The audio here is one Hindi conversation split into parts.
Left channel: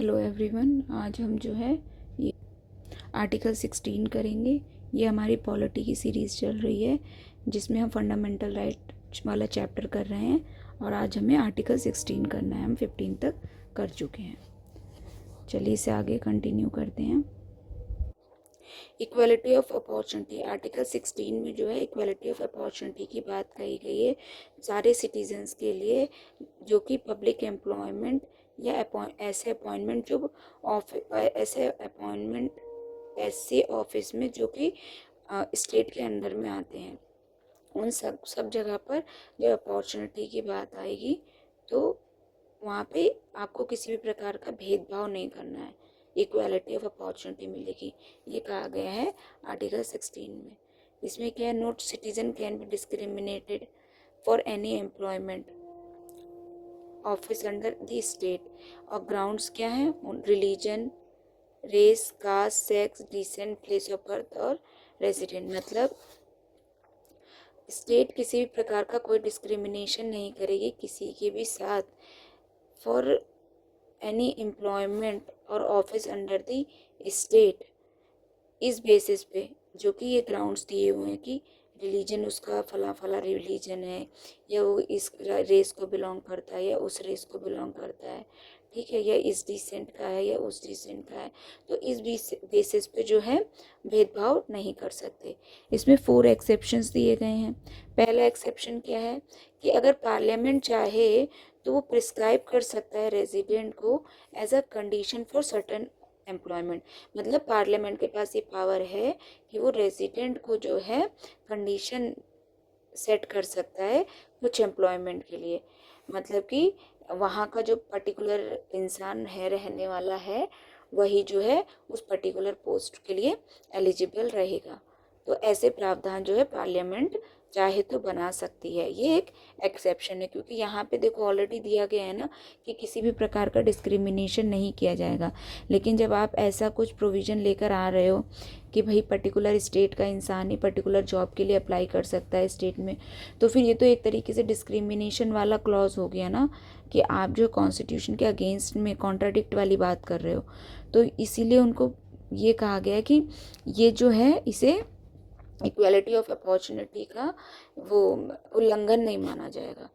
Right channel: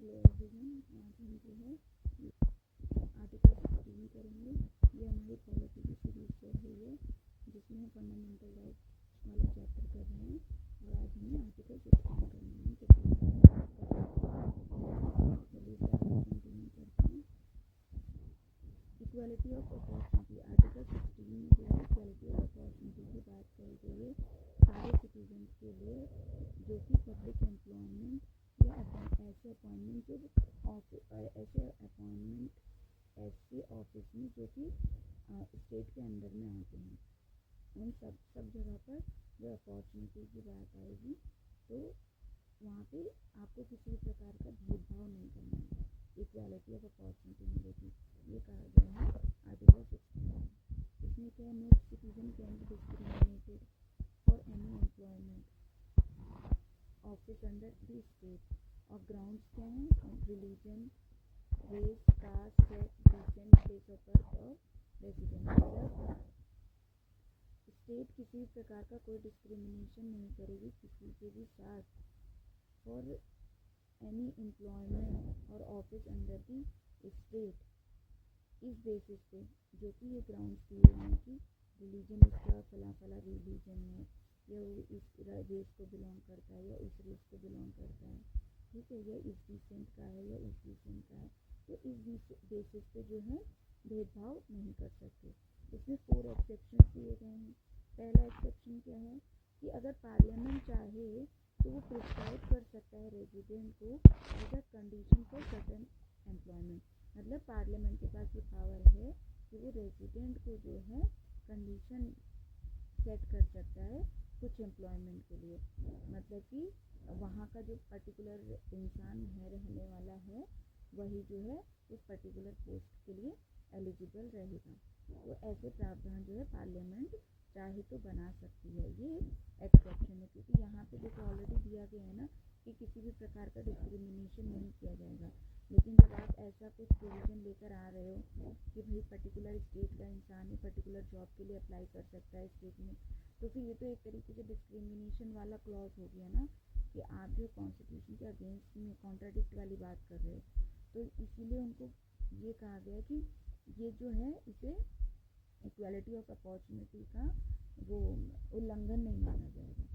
हेलो एवरीवन, आज हम जो है ये आर्टिकल 16 करेंगे। ये हमारी पॉलिटी की सीरीज़ चल रही है जिसमें हम फंडामेंटल राइट वाला चैप्टर कर रहे हैं और आज हमें आर्टिकल 16 करना है। हम 15 तक कर चुके हैं। चलिए इसे आगे कंटिन्यू करते हैं। इक्वालिटी ऑफ अपॉर्चुनिटी, आर्टिकल 16 में जो है इक्वालिटी ऑफ अपॉर्चुनिटी की बात कही गई है सारे सिटीजन्स के लिए जो कि पब्लिक एम्प्लॉयमेंट या ऐसे अपॉइंटमेंट जो ऐसे ऑफिस में जो कि स्टेट के अंडर में आते हैं, उन सब जगह पर जब अपॉर्चुनिटी की बात आएगी तो वहाँ पे आपको किसी भी प्रकार का भेदभाव नहीं करना है, इक्वालिटी ऑफ अपॉर्चुनिटी मिलेगी। ये कहा गया है आर्टिकल 16 में। इसमें क्या है, not citizen can be discriminated for any employment office under the state. और ग्राउंड्स क्या है, religion, race, caste, sex, descent, place of birth और रेजिडेंट। मतलब स्टेट किसी भी प्रकार का कोई डिस्क्रिमिनेशन नहीं करेगी किसी के भी साथ फॉर एनी एम्प्लॉयमेंट और ऑफिस अंडर द स्टेट, इस बेसिस पे जो कि ये ग्राउंड्स दिए हुए हैं कि रिलीजन उसका फला फला रिलीजन है, या वो इस रेस को बिलोंग करता है या उस रेस को बिलोंग करता है, ठीक है, या इस डिसेंट का है या उस डिसेंट का है, तो इस बेसिस पे जो है भेदभाव नहीं कर सकते। इसमें 4 एक्सेप्शंस दिए गए हैं। पहला एक्सेप्शन क्या है कि अगर पार्लियामेंट चाहे तो वो प्रिस्क्राइब कर सकता है रेजिडेंट को as a condition for certain employment. मतलब पार्लियामेंट के पास ये पावर है कि वो रेजिडेंट को जो है कंडीशन सेट कर सकता है कुछ एम्प्लॉयमेंट के लिए। मतलब कि वहाँ का जो पर्टिकुलर इंसान है, रहने वाला है, वही जो है उस पर्टिकुलर पोस्ट के लिए एलिजिबल रहेगा। तो ऐसे प्रावधान जो है पार्लियामेंट चाहे तो बना सकती है। ये एक एक्सेप्शन है क्योंकि यहाँ पे देखो ऑलरेडी दिया गया है ना कि किसी भी प्रकार का डिस्क्रिमिनेशन नहीं किया जाएगा। लेकिन जब आप ऐसा कुछ प्रोविज़न लेकर आ रहे हो कि भाई पर्टिकुलर स्टेट का इंसान ही पर्टिकुलर जॉब के लिए अप्लाई कर सकता है स्टेट में, तो फिर ये तो एक तरीके से डिस्क्रिमिनेशन वाला क्लॉज हो गया ना, कि आप जो कॉन्स्टिट्यूशन के अगेंस्ट में कॉन्ट्राडिक्ट वाली बात कर रहे हो। तो इसीलिए उनको ये कहा गया कि ये जो है इसे इक्वालिटी ऑफ अपॉर्चुनिटी का वो उल्लंघन नहीं माना जाएगा।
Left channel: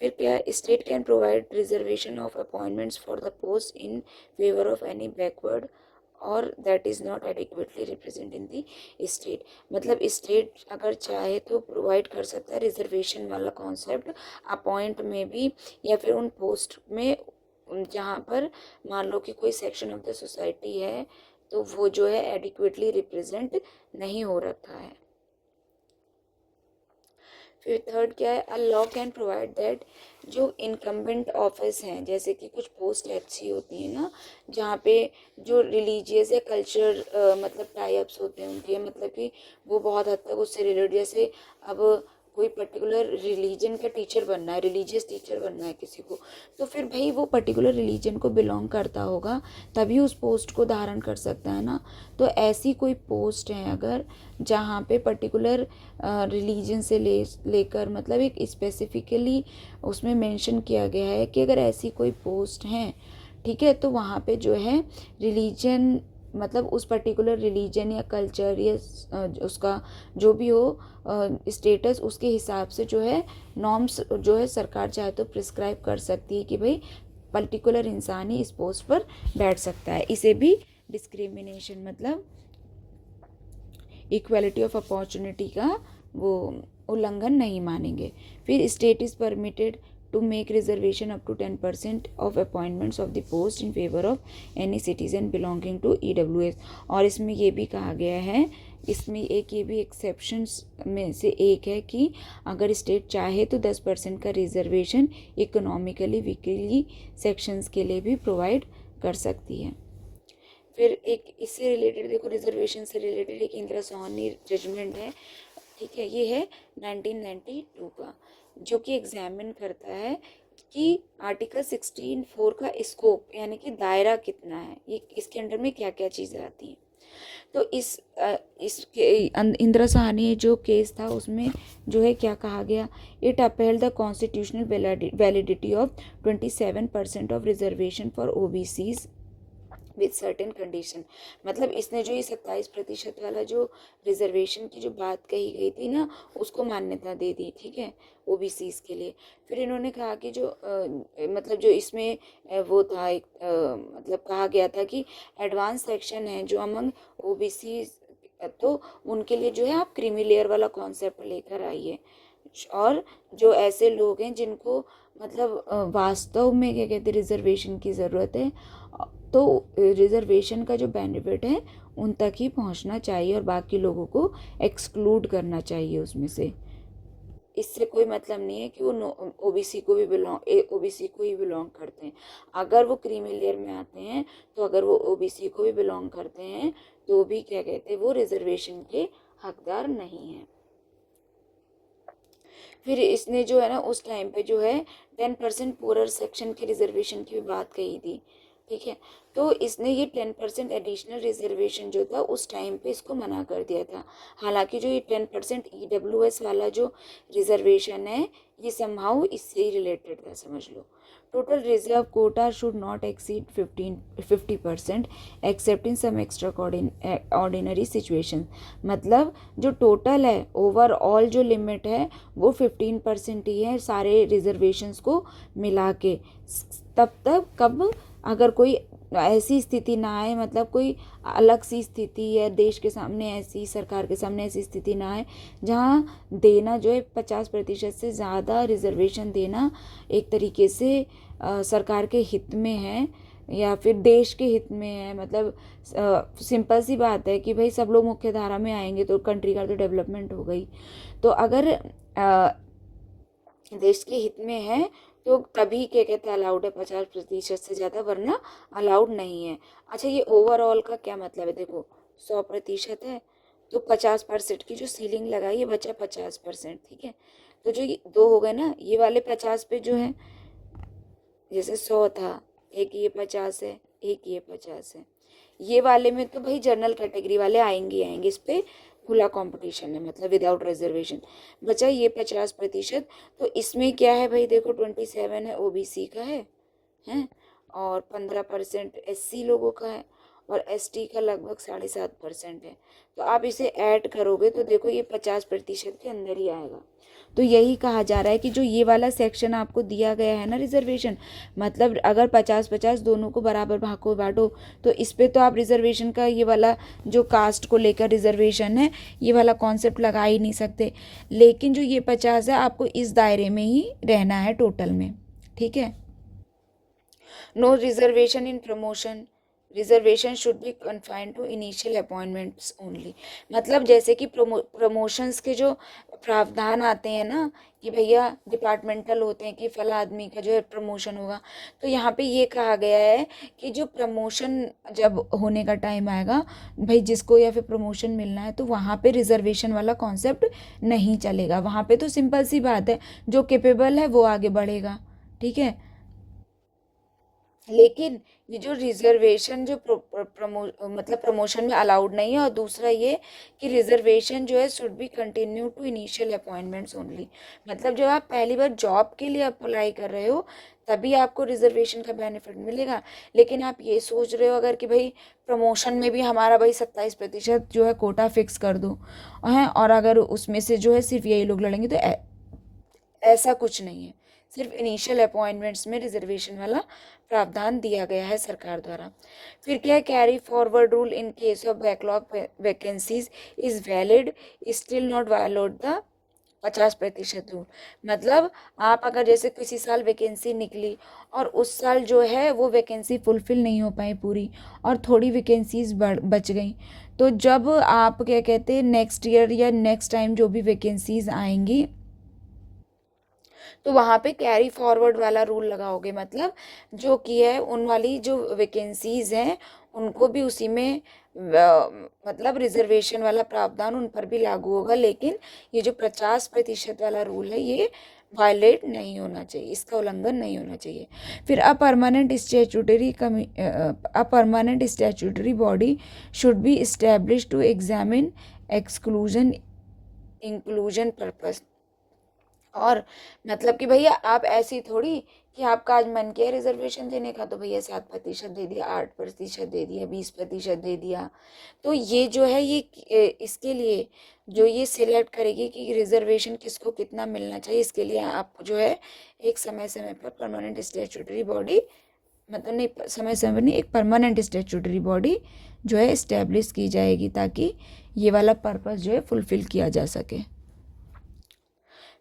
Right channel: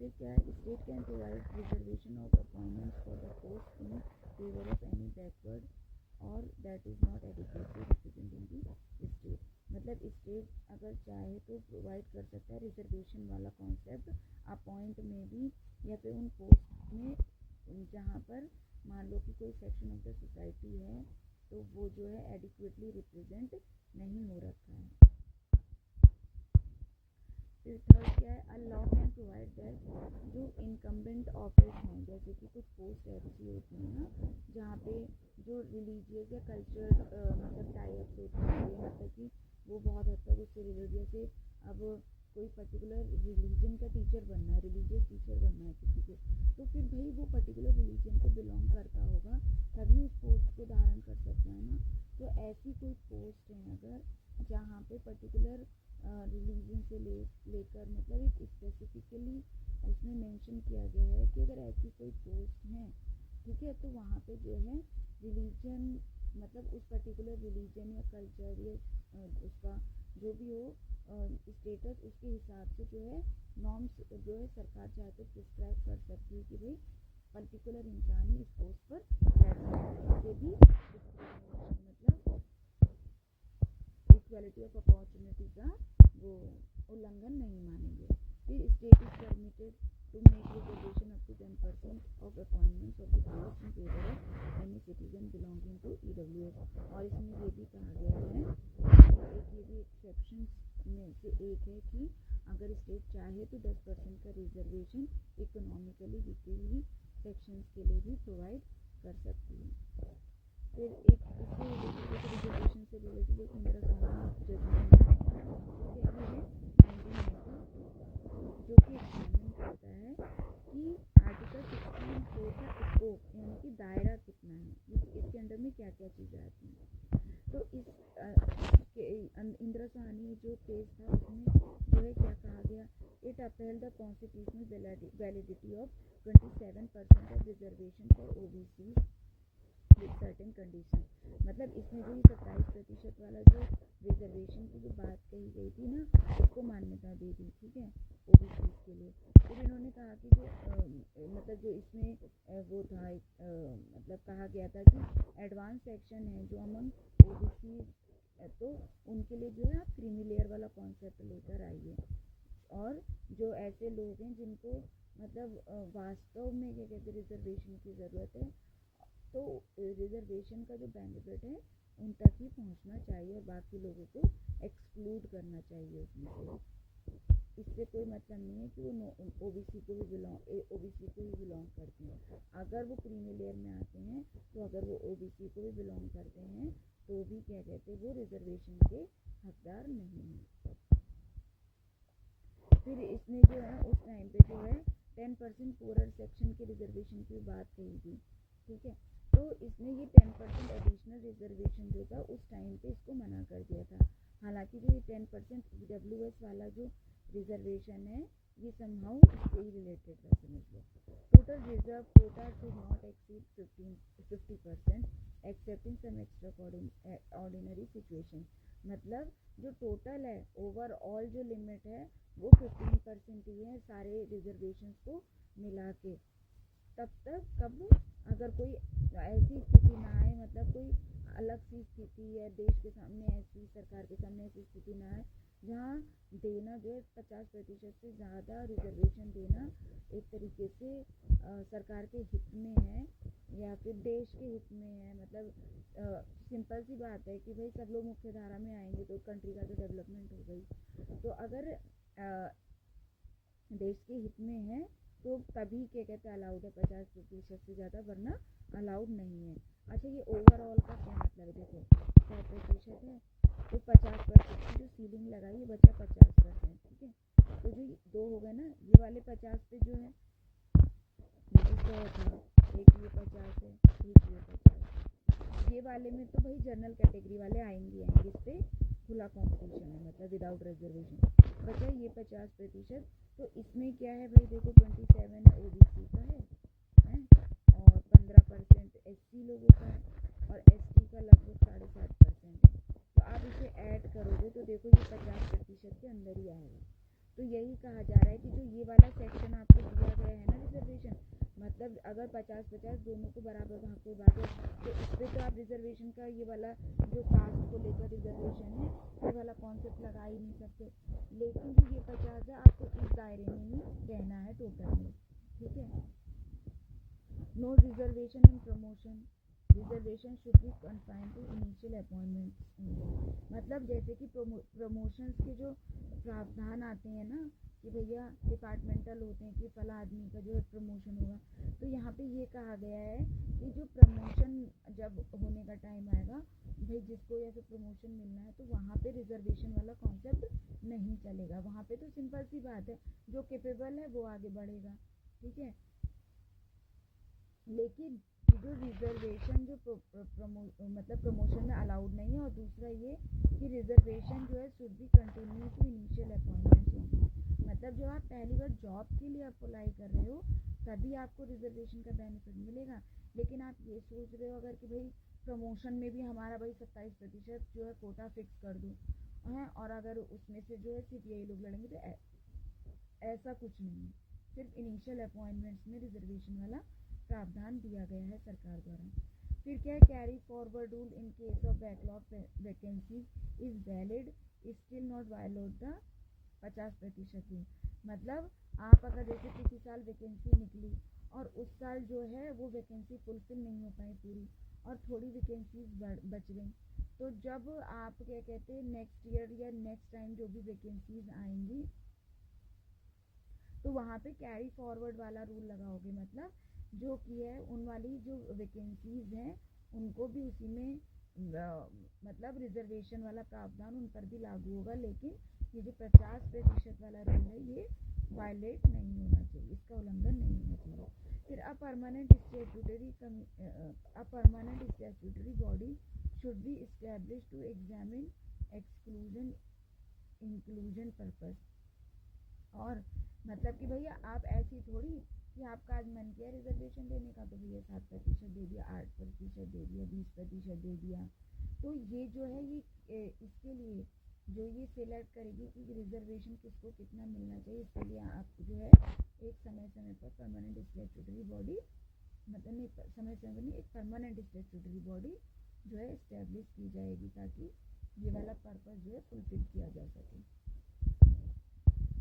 फिर क्या, state can provide reservation of appointments for the post in favour of any backward और that is not adequately represent in the state. मतलब स्टेट अगर चाहे तो प्रोवाइड कर सकता है रिजर्वेशन वाला कॉन्सेप्ट अपॉइंट में भी, या फिर उन पोस्ट में जहाँ पर मान लो कि कोई सेक्शन ऑफ द सोसाइटी है तो वो जो है एडिक्वेटली रिप्रेजेंट नहीं हो रखा है। फिर थर्ड क्या है, a law can provide that जो इनकम्बेंट ऑफिस हैं, जैसे कि कुछ पोस्ट ऐसी होती है ना जहाँ पे जो रिलीजियस या कल्चर मतलब टाइप्स होते होंगे, मतलब कि वो बहुत हद तक उससे रिलेटेड, जैसे अब कोई पर्टिकुलर रिलीजन का टीचर बनना है, रिलीजियस टीचर बनना है किसी को, तो फिर भाई वो पर्टिकुलर रिलीजन को बिलोंग करता होगा तभी उस पोस्ट को धारण कर सकता है ना। तो ऐसी कोई पोस्ट है अगर जहाँ पे पर्टिकुलर रिलीजन से लेकर मतलब एक स्पेसिफिकली उसमें मेंशन किया गया है कि अगर ऐसी कोई पोस्ट हैं, ठीक है, तो वहाँ पे जो है रिलीजन मतलब उस पर्टिकुलर रिलीजन या कल्चर या उसका जो भी हो स्टेटस, उसके हिसाब से जो है नॉर्म्स जो है सरकार चाहे तो प्रिस्क्राइब कर सकती है कि भाई पर्टिकुलर इंसान ही इस पोस्ट पर बैठ सकता है। इसे भी डिस्क्रिमिनेशन मतलब इक्वालिटी ऑफ अपॉर्चुनिटी का वो उल्लंघन नहीं मानेंगे। फिर state is permitted to make reservation up to 10% of appointments of the post in favor of any citizen belonging to EWS। और इसमें ये भी कहा गया है, इसमें एक ये भी एक्सेप्शंस में से एक है कि अगर स्टेट चाहे तो 10% का रिजर्वेशन इकोनॉमिकली वीकली सेक्शंस के लिए भी प्रोवाइड कर सकती है। फिर एक इससे रिलेटेड देखो, रिजर्वेशन से रिलेटेड एक इंदिरा सोहानी जजमेंट है, ठीक है, ये है 1992 का, जो कि एग्जामिन करता है कि आर्टिकल 16(4) का स्कोप यानी कि दायरा कितना है, ये इसके अंडर में क्या क्या चीज़ें आती हैं। तो इसके इंदिरा साहनी जो केस था उसमें जो है क्या कहा गया, it upheld the constitutional validity of 27% of reservation for OBCs with certain condition. मतलब इसने जो ये 27% वाला जो रिजर्वेशन की जो बात कही गई थी ना, उसको मान्यता दे दी, ठीक है, ओबीसीज के लिए। फिर इन्होंने कहा कि जो मतलब जो इसमें वो था एक मतलब कहा गया था कि एडवांस सेक्शन है जो अमंग ओबीसी, तो उनके लिए जो है आप क्रीमी लेयर वाला कॉन्सेप्ट लेकर आइए। और जो ऐसे लोग हैं जिनको मतलब वास्तव में क्या कहते हैं रिजर्वेशन की ज़रूरत है, तो रिजर्वेशन का जो बेनिफिट है उन तक ही पहुंचना चाहिए और बाकी लोगों को एक्सक्लूड करना चाहिए उसमें से। इससे कोई मतलब नहीं है कि वो ओबीसी को भी ओबीसी को ही बिलोंग करते हैं। अगर वो क्रीमी लेयर में आते हैं, तो अगर वो ओबीसी को भी बिलोंग करते हैं तो भी क्या कहते हैं वो रिजर्वेशन के हकदार नहीं हैं। फिर इसने जो है ना उस टाइम पे जो है 10% पुअरर सेक्शन के रिजर्वेशन की भी बात कही थी, ठीक है। तो इसने ये 10% एडिशनल रिजर्वेशन जो था उस टाइम पे इसको मना कर दिया था। हालांकि जो ये 10% ईडब्ल्यूएस वाला जो रिजर्वेशन है ये समहाउ इससे ही रिलेटेड था, समझ लो। Total reserve quota should not exceed 50% except in some extraordinary situation. मतलब जो टोटल है ओवरऑल जो लिमिट है वो 15% ही है सारे रिजर्वेशंस को मिला के। तब तक कब अगर कोई ऐसी स्थिति ना आए, मतलब कोई अलग सी स्थिति है देश के सामने, ऐसी सरकार के सामने ऐसी स्थिति ना आए जहाँ देना जो है 50% से ज़्यादा रिजर्वेशन देना एक तरीके से सरकार के हित में है या फिर देश के हित में है। मतलब सिंपल सी बात है कि भाई सब लोग मुख्य धारा में आएंगे तो कंट्री का तो डेवलपमेंट हो गई। तो अगर देश के हित में है तो तभी क्या कहते हैं अलाउड है 50% से ज़्यादा, वरना अलाउड नहीं है। अच्छा, ये ओवरऑल का क्या मतलब है, देखो 100% है तो 50% की जो सीलिंग लगाई है बचा 50%, ठीक है। तो जो ये दो हो गए ना, ये वाले 50 पे जो है जैसे 100 था, एक ये 50 है, एक ये 50 है, ये वाले में तो भाई जनरल कैटेगरी वाले आएंगे इस पर खुला कंपटीशन है, मतलब विदाउट रिजर्वेशन। बचा ये 50%, तो इसमें क्या है भाई देखो 27 है ओबीसी का है और 15% एससी लोगों का है और एसटी का लगभग 7.5% है। तो आप इसे ऐड करोगे तो देखो ये 50% के अंदर ही आएगा। तो यही कहा जा रहा है कि जो ये वाला सेक्शन आपको दिया गया है ना रिजर्वेशन, मतलब अगर 50-50 दोनों को बराबर भागो बांटो, तो इस पे तो आप रिजर्वेशन का ये वाला जो कास्ट को लेकर रिजर्वेशन है ये वाला कॉन्सेप्ट लगा ही नहीं सकते। लेकिन जो ये 50 है आपको इस दायरे में ही रहना है टोटल में, ठीक है। No reservation in promotion, reservation should be confined to initial appointments only. मतलब जैसे कि प्रमोशंस के जो प्रावधान आते हैं ना कि भैया डिपार्टमेंटल होते हैं कि फला आदमी का जो है प्रमोशन होगा, तो यहाँ पे ये कहा गया है कि जो प्रमोशन जब होने का टाइम आएगा भाई जिसको या फिर प्रमोशन मिलना है तो वहाँ पे रिजर्वेशन वाला कॉन्सेप्ट नहीं चलेगा। वहाँ पे तो सिंपल सी बात है जो कैपेबल है वो आगे बढ़ेगा, ठीक है। लेकिन ये जो रिजर्वेशन जो मतलब प्रमोशन में अलाउड नहीं है, और दूसरा ये कि रिजर्वेशन जो है should be continue to initial appointments only. मतलब जब आप पहली बार जॉब के लिए अप्लाई कर रहे हो तभी आपको रिजर्वेशन का बेनिफिट मिलेगा। लेकिन आप ये सोच रहे हो अगर कि भाई प्रमोशन में भी हमारा भाई 27% जो है कोटा फिक्स कर दो हैं और अगर उसमें से जो है सिर्फ यही लोग लड़ेंगे, तो ऐसा कुछ नहीं है। सिर्फ इनिशियल अपॉइंटमेंट्स में रिजर्वेशन वाला प्रावधान दिया गया है सरकार द्वारा। फिर क्या है, carry forward rule in case of backlog vacancies is valid still not violate the 50% rule. मतलब आप अगर जैसे किसी साल वैकेंसी निकली और उस साल जो है वो वैकेंसी फुलफिल नहीं हो पाई पूरी और थोड़ी वैकेंसीज बच गई, तो जब आप क्या कहते हैं नेक्स्ट ईयर या नेक्स्ट टाइम जो भी वैकेंसीज आएंगी तो वहाँ पे कैरी फॉरवर्ड वाला रूल लगाओगे। मतलब जो कि है उन वाली जो वैकेंसीज हैं उनको भी उसी में मतलब रिजर्वेशन वाला प्रावधान उन पर भी लागू होगा। लेकिन ये जो 50% वाला रूल है ये वायलेट नहीं होना चाहिए, इसका उल्लंघन नहीं होना चाहिए। फिर a permanent statutory body should be establish to examine exclusion inclusion purpose. और मतलब कि भैया आप ऐसी थोड़ी कि आपका आज मन किया रिजर्वेशन देने का तो भैया 7% दे दिया, 8% दे दिया, 20% दे दिया। तो ये जो है ये इसके लिए जो ये सिलेक्ट करेगी कि रिजर्वेशन किसको कितना मिलना चाहिए, इसके लिए आप जो है एक समय समय पर परमानेंट स्टैट्यूटरी बॉडी, मतलब नहीं समय समय नहीं, एक परमानेंट स्टैट्यूटरी बॉडी जो है इस्टेब्लिश की जाएगी ताकि ये वाला पर्पस जो है फुलफिल किया जा सके।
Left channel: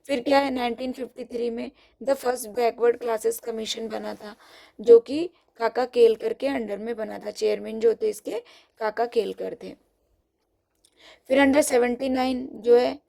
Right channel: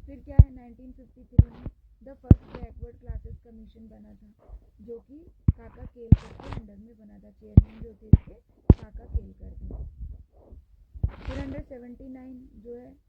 फिर क्या है, 1953 में the first backward classes commission बना था, जो कि काका केलकर के अंडर में बना था। चेयरमैन जो थे इसके काका केलकर थे। फिर अंडर 79 जो है,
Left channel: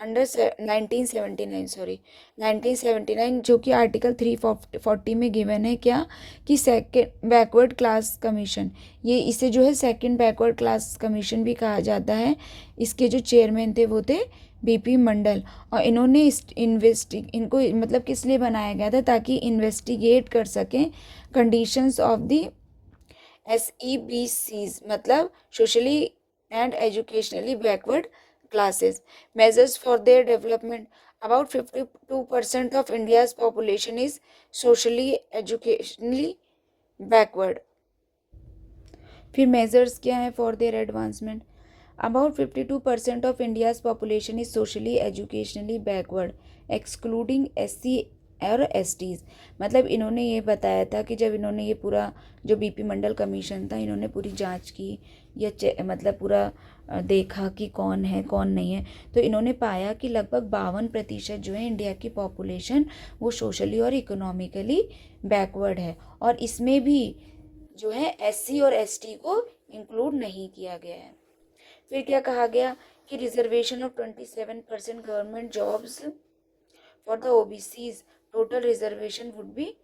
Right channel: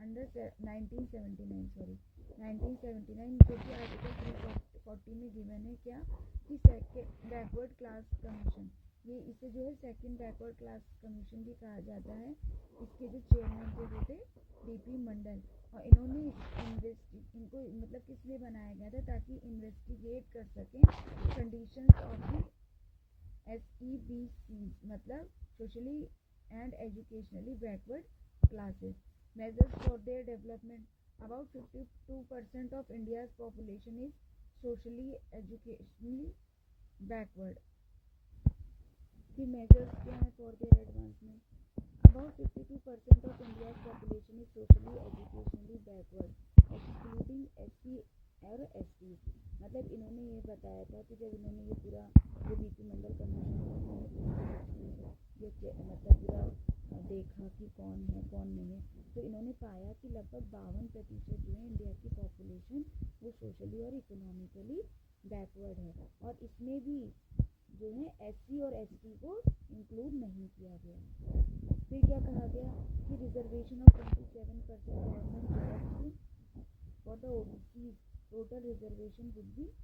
अंडर 1979 जो कि आर्टिकल 340 में गिवन है क्या, कि सेकेंड बैकवर्ड क्लास कमीशन, ये इसे जो है सेकेंड बैकवर्ड क्लास कमीशन भी कहा जाता है। इसके जो चेयरमैन थे वो थे बीपी मंडल, और इन्होंने इनको मतलब किस लिए बनाया गया था, ताकि इन्वेस्टिगेट कर सकें कंडीशंस ऑफ द SEBCs, मतलब socially and educationally backward classes, measures for their development. About 52% of India's population is socially educationally backward. फिर measures क्या है for their advancement? About 52% of India's population is socially educationally backward, excluding SC और STs। मतलब इन्होंने ये बताया था कि जब इन्होंने ये पूरा जो बीपी मंडल कमीशन था, इन्होंने पूरी जांच की या मतलब पूरा देखा कि कौन है कौन नहीं है, तो इन्होंने पाया कि लगभग 52% जो है इंडिया की पॉपुलेशन वो सोशली और इकोनॉमिकली बैकवर्ड है, और इसमें भी जो है SC और ST को इंक्लूड नहीं किया गया है। फिर क्या कहा गया कि reservation of 27% government jobs for the OBCs, total reservation would be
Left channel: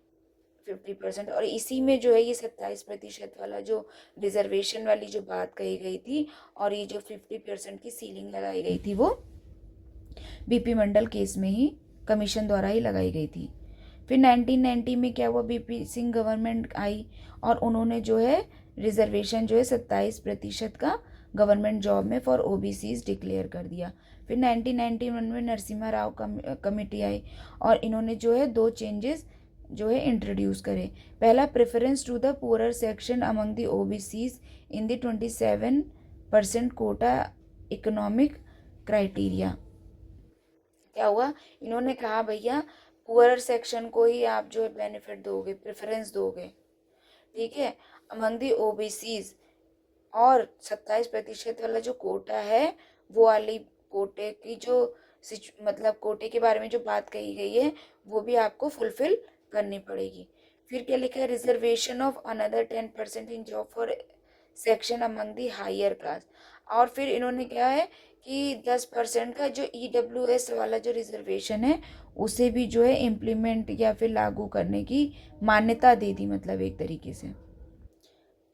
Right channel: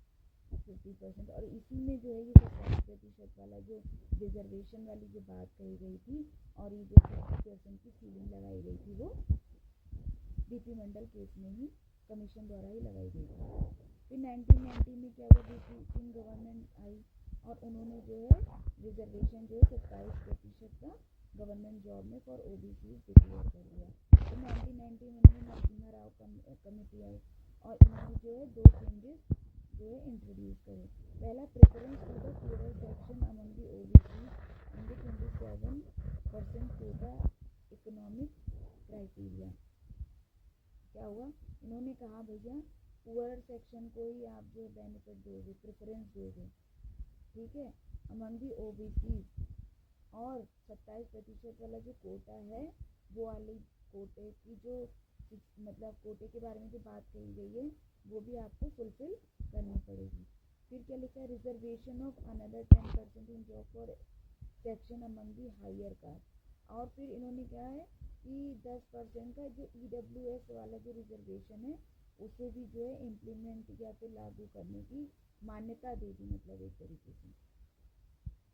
50%, और इसी में जो है ये 27% वाला जो रिजर्वेशन वाली जो बात कही गई थी और ये जो 50% की सीलिंग लगाई गई थी वो बीपी मंडल केस में ही कमीशन द्वारा ही लगाई गई थी। फिर 1990 में क्या हुआ, बीपी सिंह गवर्नमेंट आई और उन्होंने जो है रिजर्वेशन जो है 27% का गवर्नमेंट जॉब में फॉर OBCs डिक्लेयर कर दिया। फिर 1991 में नरसिम्हा राव कमेटी आई और इन्होंने जो है 2 चेंजेस जो है इंट्रोड्यूस करे। पहला, preference to the poorer section among the OBCs in the 27% quota economic criteria. क्या हुआ, इन्होंने कहा भैया पुअरर सेक्शन को ही आप जो है बेनिफिट दोगे, प्रेफरेंस दोगे, ठीक है, अमंग द OBCs, और 27% वाला जो कोटा है वो वाली कोटे की जो मतलब कोटे के बारे में जो बात कही गई है वो भी आपको फुलफिल करनी पड़ेगी। फिर क्या लिखा है, reservation of another 10% in job for section among the higher caste, और फिर इन्होंने क्या है कि 10% का जो EWS वाला जो रिजर्वेशन है उसे भी जो है इम्प्लीमेंट या फिर लागू करने की मान्यता दे दी, मतलब एक तरीके से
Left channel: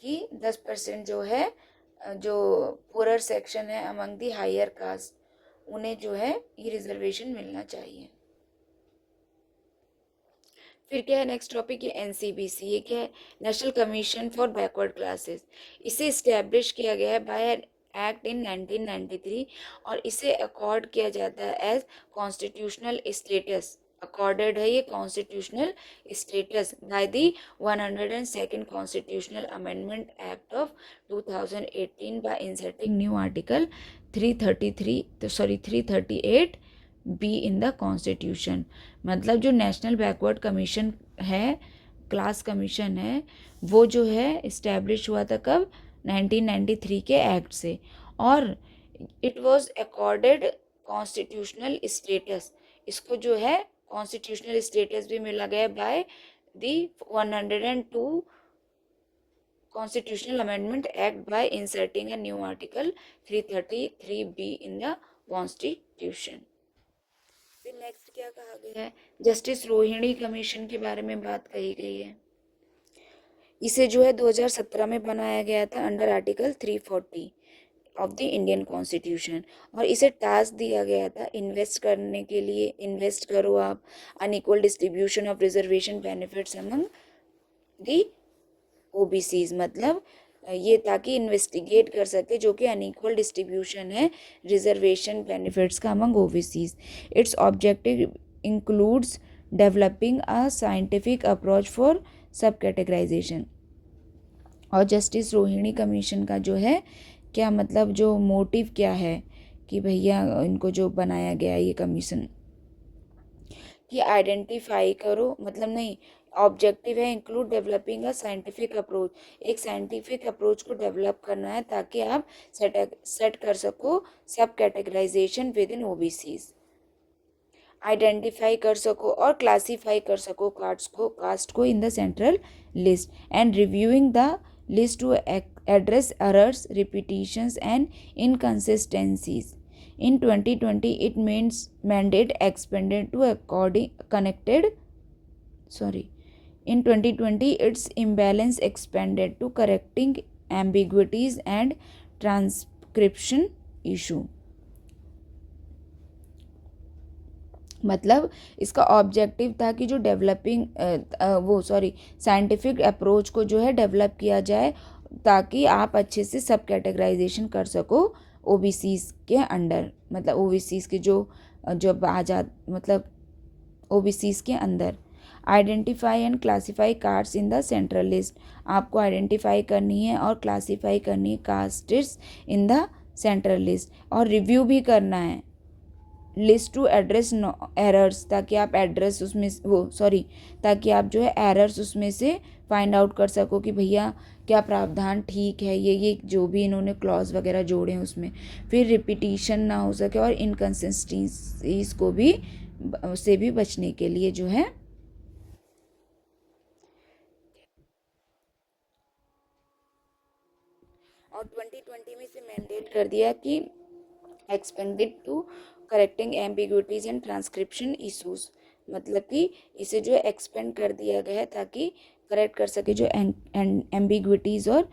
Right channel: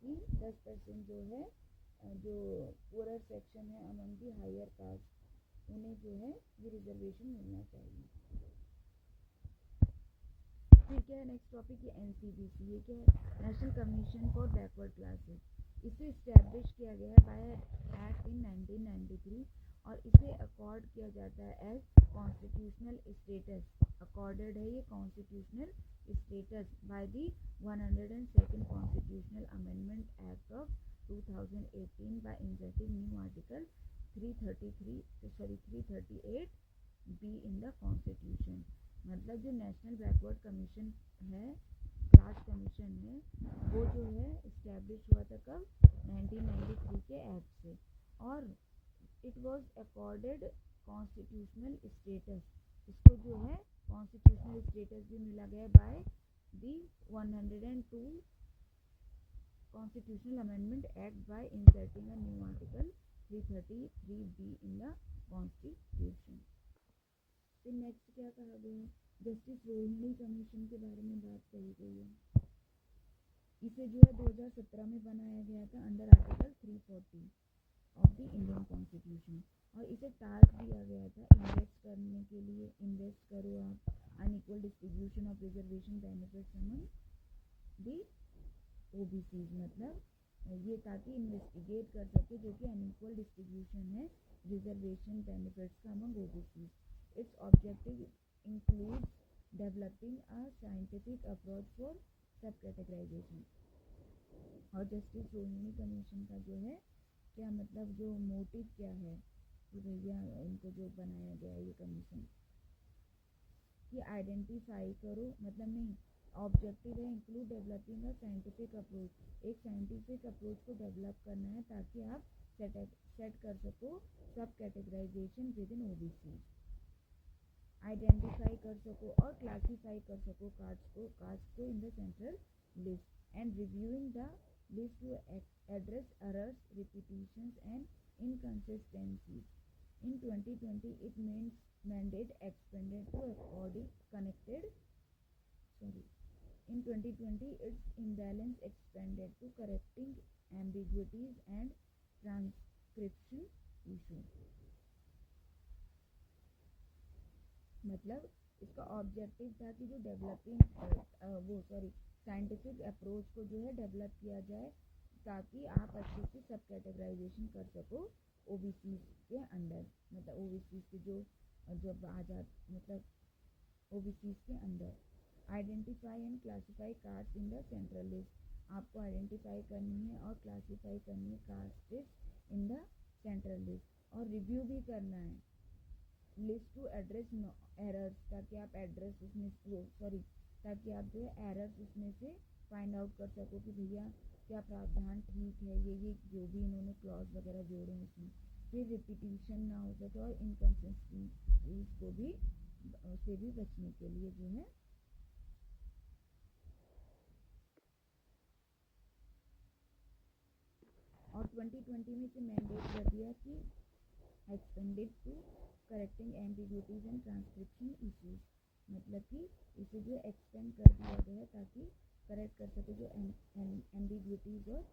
कि 10% जो है जो पुअरर सेक्शन है अमंग दी हायर कास्ट उन्हें जो है ये रिजर्वेशन मिलना चाहिए। फिर क्या है नेक्स्ट टॉपिक, ये NCBC, ये क्या है, national commission for backward classes. इसे इस्टेब्लिश किया गया है बाय एक्ट इन 1993 और इसे अकॉर्ड किया जाता है एज कॉन्स्टिट्यूशनल स्टेटस, अकॉर्डेड है ये constitutional status by the 102nd constitutional amendment act of 2018 bye inserting new article 338 be in the constitution. मतलब जो नेशनल बैकवर्ड कमीशन है, क्लास कमीशन है, वो जो है इस्टेब्लिश हुआ था कब, 1993 के एक्ट से, और it was accorded constitutional status, इसको जो है कॉन्स्टिट्यूशनल स्टेटस भी मिला गया by the 102 constitutional amendment act by inserting a new article 333 be in the constitution. फिर नेक्स्ट क्या कहा गया है, जस्टिस रोहिणी कमीशन के बारे में बात कही गई है। इसे जो है 2017 में बनाया गया था under article 340 of the Indian constitution, और इसे टास्क दिया गया था इन्वेस्ट करने के लिए, इन्वेस्ट करो आप unequal distribution of reservation benefits among the OBCs, मतलब ये ताकि इन्वेस्टिगेट कर सके जो कि अनइक्वल डिस्ट्रीब्यूशन है रिजर्वेशन बेनिफिट्स का among OBCs। It's objective includes developing a scientific approach for सब कैटेगराइजेशन। और जस्टिस रोहिणी कमीशन का जो है क्या मतलब, जो मोटिव क्या है कि भैया इनको जो बनाया गया ये कमीशन, कि आइडेंटिफाई करो, मतलब नहीं, ऑब्जेक्टिव है include developing a scientific approach, एक साइंटिफिक अप्रोच को डेवलप करना है ताकि आप सेट कर सको subcategorization within OBCs, identify कर सको और क्लासीफाई कर सको कास्ट को in the central list, and reviewing the list to address errors, repetitions and inconsistencies. In 2020, it means mandate expanded to in 2020, its imbalance expanded to correcting ambiguities and transcription issue. मतलब इसका ऑब्जेक्टिव था कि जो साइंटिफिक अप्रोच को जो है डेवलप किया जाए ताकि आप अच्छे से सब कैटेगराइजेशन कर सको ओबीसीज के अंडर, मतलब ओबीसीज के जो जो आज़ाद, मतलब ओबीसीज के अंदर। Identify and classify castes in the central list, आपको आइडेंटिफाई करनी है और क्लासीफाई करनी है castes in the central list, और रिव्यू भी करना है लिस्ट टू एड्रेस एरर्स, ताकि आप एड्रेस उसमें ताकि आप जो है एरर्स उसमें से फाइंड आउट कर सको कि भैया क्या प्रावधान ठीक है, ये जो भी इन्होंने क्लॉज वगैरह जोड़े हैं उसमें, फिर रिपीटिशन ना हो सके और इनकन्सिस्टेंसीज को भी से भी बचने के लिए जो है और 2020 में इसे मैंडेट कर दिया कि expanded to correcting ambiguities and transcription issues, मतलब कि इसे जो है एक्सपेंड कर दिया गया है ताकि करेक्ट कर सके जो एम्बिग्विटीज और